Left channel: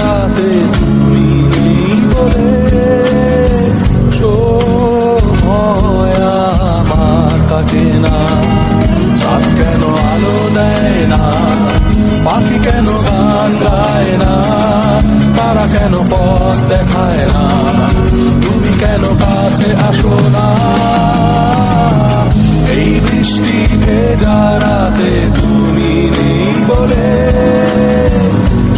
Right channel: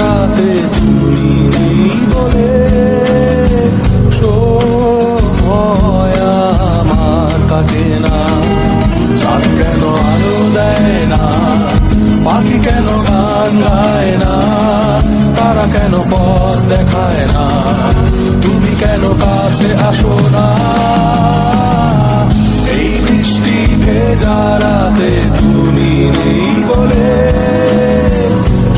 রাতে তুমি নেই বলে সময় আমার কাটে না। চাঁদ কেন আলো দেয় না, পাখি কেন গান গায় না, তারা কেন পথ দেখায় না, তুমি কেন কাছে আসো না। এই বৃষ্টি ভেজা রাতে তুমি নেই বলে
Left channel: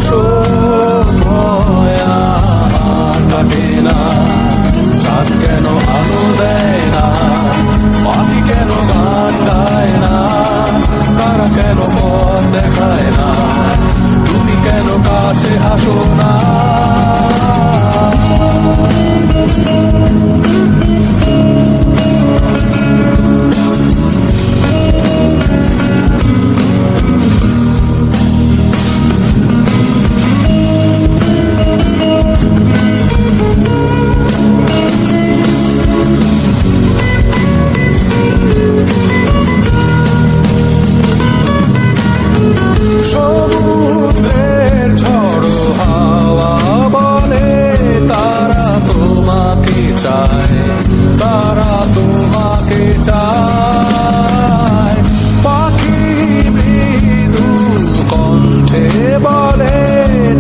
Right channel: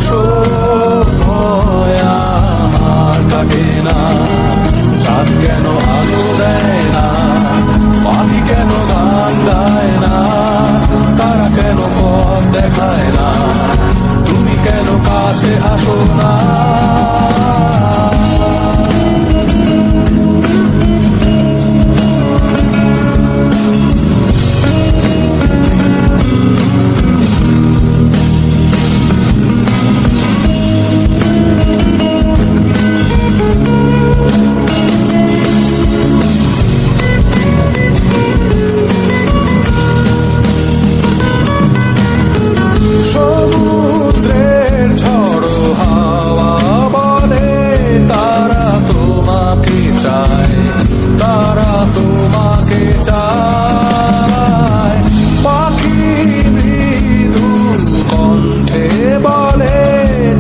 সময় আমার কাটে না। চাঁদ কেন আলো দেয় না, পাখি কেন গান গায় না, তারা কেন পথ দেখায় না, তুমি কেন কাছে আসো না। তারা তোমাকে চায়, পাখি মৃদু কণ্ঠে বলে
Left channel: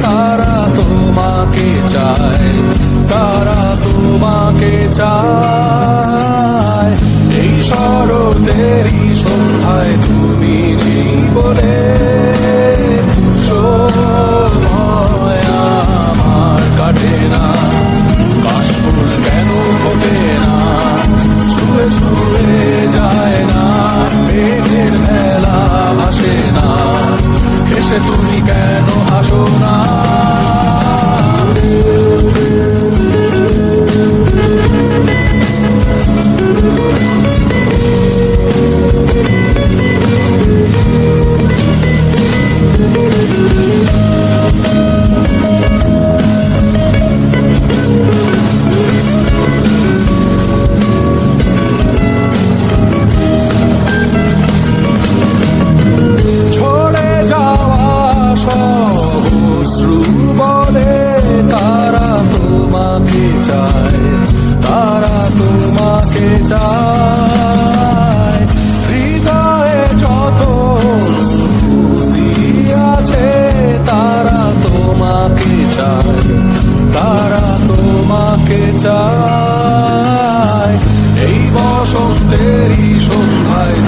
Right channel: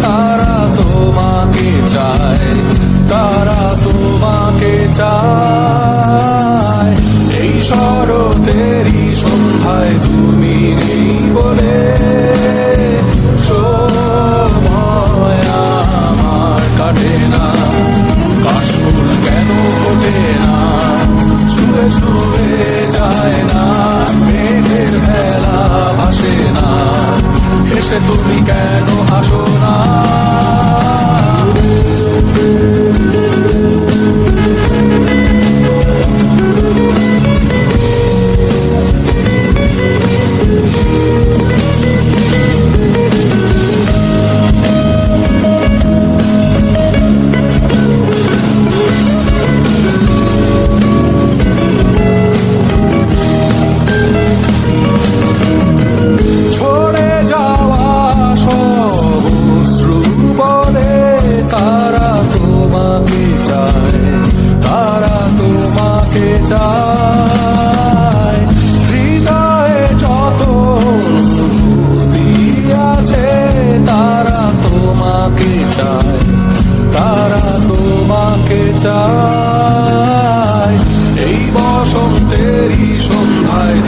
তারা তোমাকে চায়, তারা তোমাকে চায়। এই শরতেরই সন্ধ্যায় তুমি নেই বলে সময় আমার কাটে না। কাশফুল কেন ফোটে না, ছুঁয়ে ছুঁয়ে যায় না, মেঘের ভেলা ভাসে না, হেসে তুমি কেন আসো না। বলে তারা তোমাকে চায়, তারা তোমাকে চায়। হৃদয়ে যত অনুভূতি আছে তারা তোমাকে চায়, তারা তোমাকে চায়। এই বসন্তেরই সন্ধ্যায়